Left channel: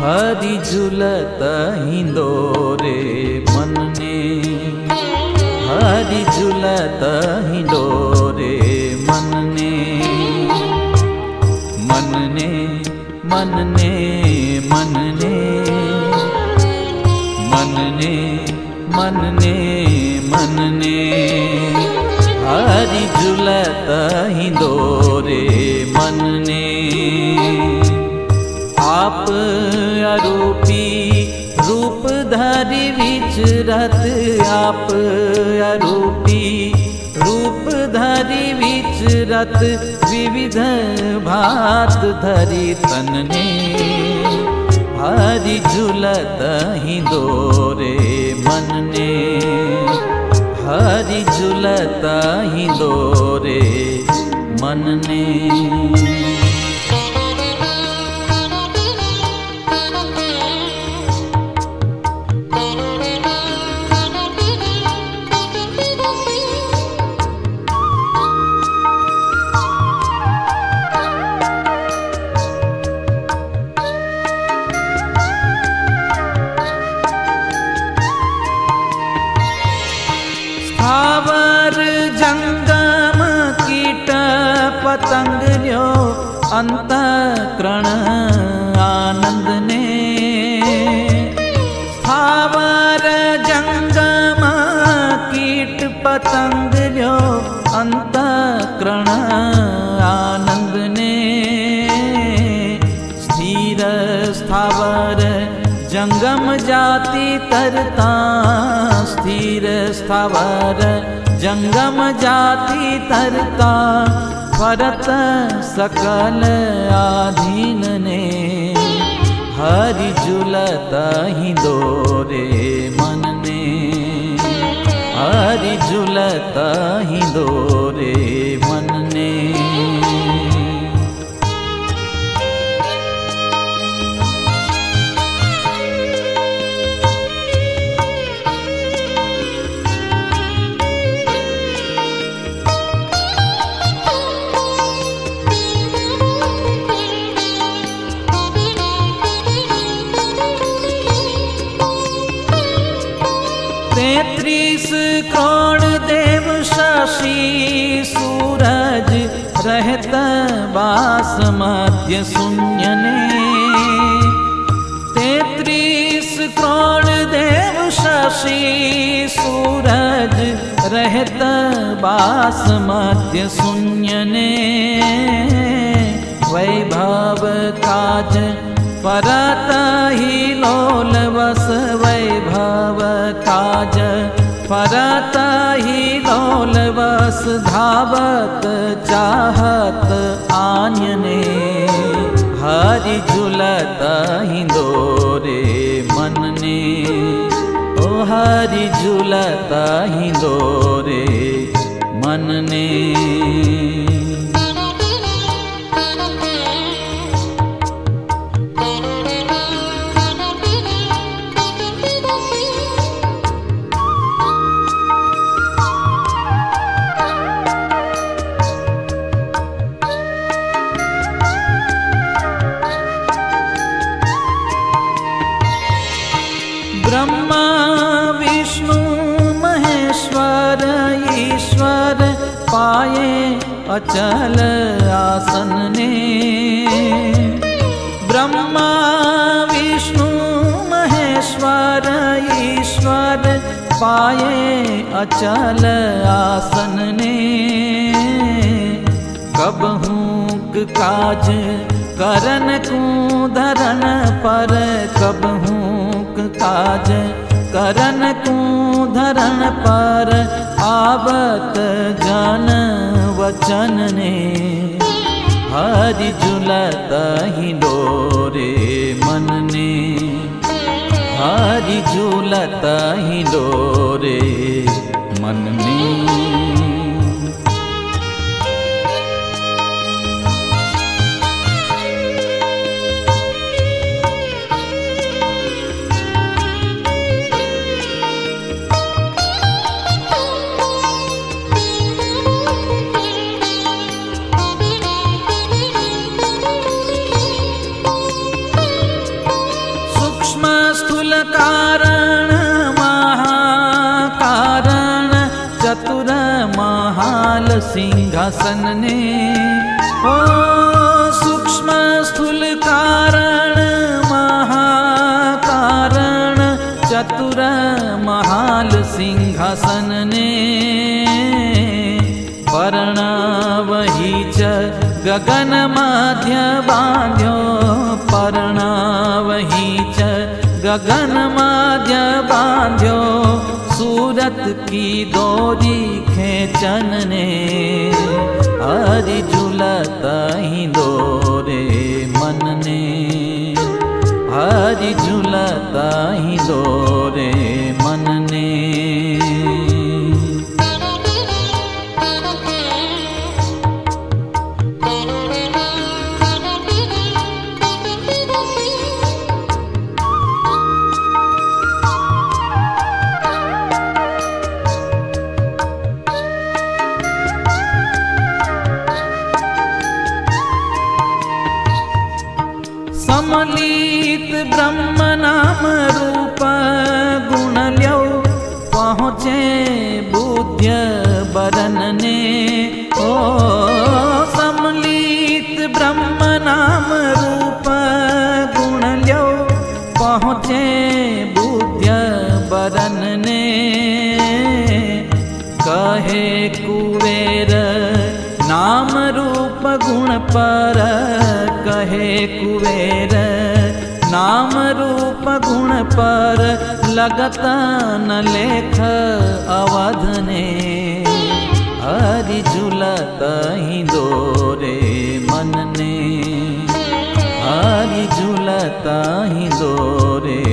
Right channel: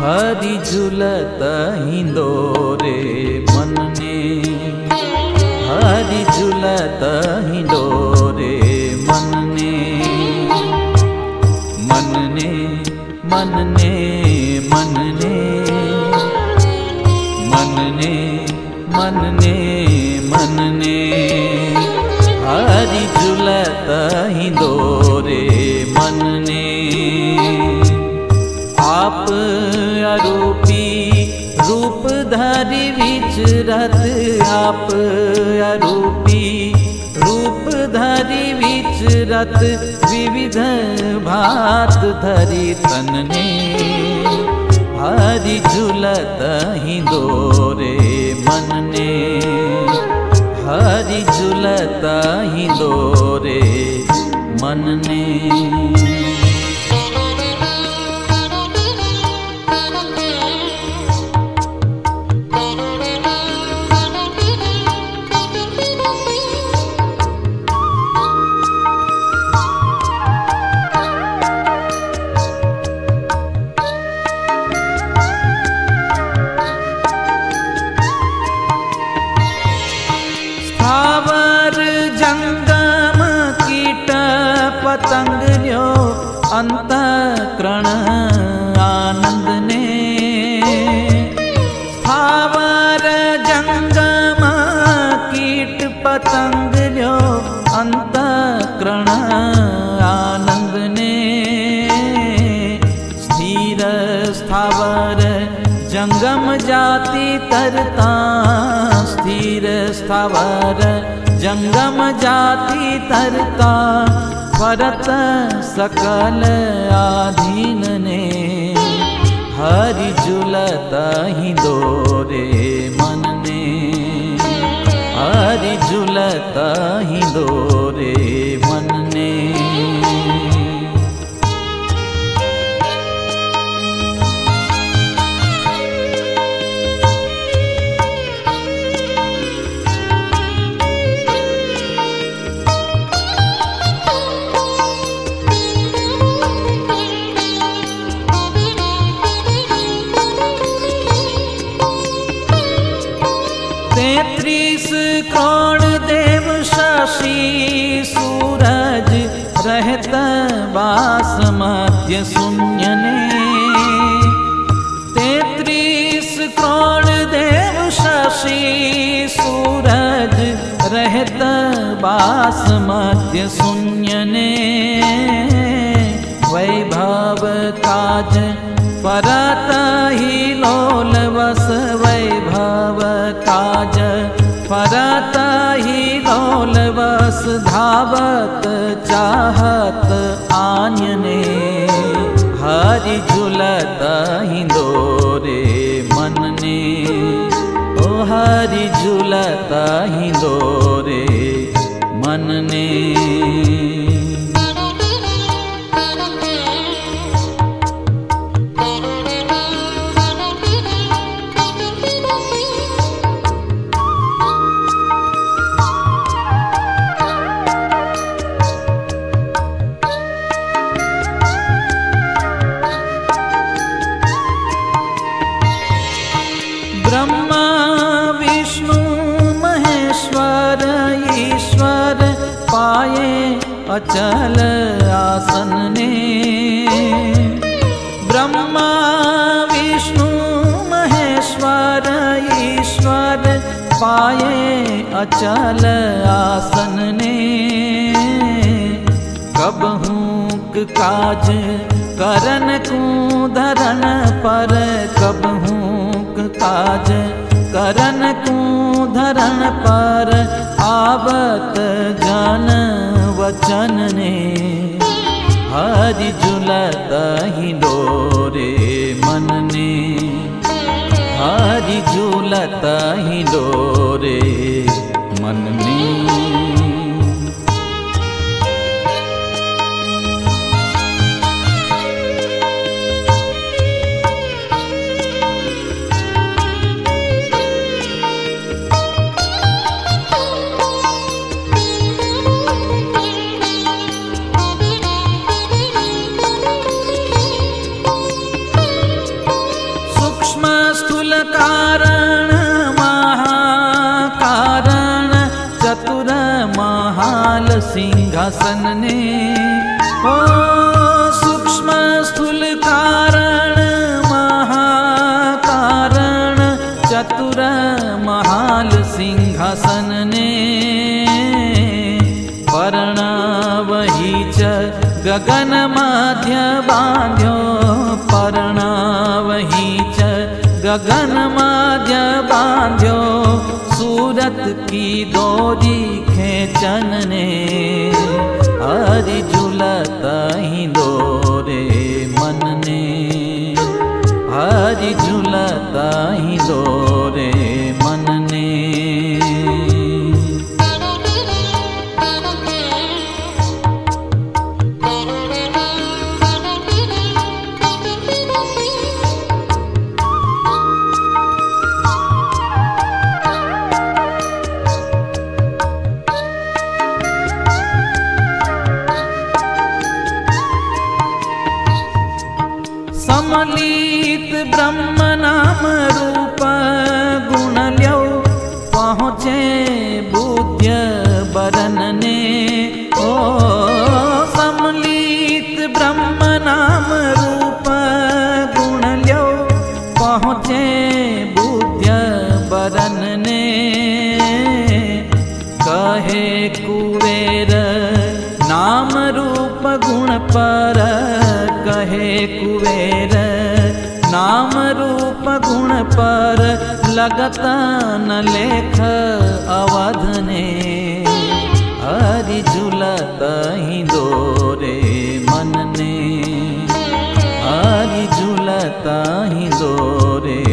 हरि झूलत हिंडोरे मन ने, हरि झूलत हिंडोरे मन ने, मन ने मन ने मन ने मन ने मन ने मन ने, हरि झूलत हिंडोरे मन ने। आप अरूपी रूप धरि विचरत, आप अरूपी रूप धरि विचरत, विविध भात धरि तन ने, हरि झूलत हिंडोरे मन ने, हरि झूलत हिंडोरे मन ने। स्थावर जंगम कीट पतंग ल्यो अंतःकरण आनंद ने, स्थावर जंगम कीट पतंग ल्यो अंतःकरण आनंद ने, स्थिर स्थावर जंगम जाति तरता, स्थिर स्थावर जंगम जाति तरता, फरत सकल आधीन ने, हरि झूलत हिंडोरे मन ने, हरि झूलत हिंडोरे मन ने। तेत्रीस करोड़ देव शशि सूरज रहत बास मध्य शून्य ने, तेत्रीस करोड़ देव शशि सूरज रहत बास मध्य शून्य ने, वैभव काज फरत ही लोल वस, वैभव काज फरत ही लोल वस, धावत चाहत आन्य ने, हरि झूलत हिंडोरे मन ने, ओ हरि झूलत हिंडोरे मन ने। ब्रह्मा विष्णु महेश्वर ईश्वर पाए अचल आसन ने, ब्रह्मा विष्णु महेश्वर ईश्वर पाए अचल आसन ने, कबहूँ काज करन को धरन पर, कबहूँ काज करन को धरन पर, आवत जन वचन ने, हरि झूलत हिंडोरे मन ने, हरि झूलत हिंडोरे मन ने। महाल सिंहासन ने ओ सूक्ष्म स्थूल कारण महाकारण चतुर महाल सिंहासन ने पर्णवही च गगन मध्य बांध्यो पर्णवही च गगन मध्य बांध्यो सूरत की डोरी खेचन ने हरि झूलत ही दोरे मन ने हरि झूलत ही दोरे मन ने समलित ब्रह्म नाम रूप गुण ल्यो पहुँचे बुद्ध बरन ने ओ समलित ब्रह्म नाम रूप गुण ल्यो पहुँचे बुद्ध बरन ने कहे कुबेर नाम रूप गुण पर कहे कुबेर नाम रूप गुण पर लगत न लेख अवध ने हरि झूलत ही दोरे मन ने हरि झूलत ही दोरे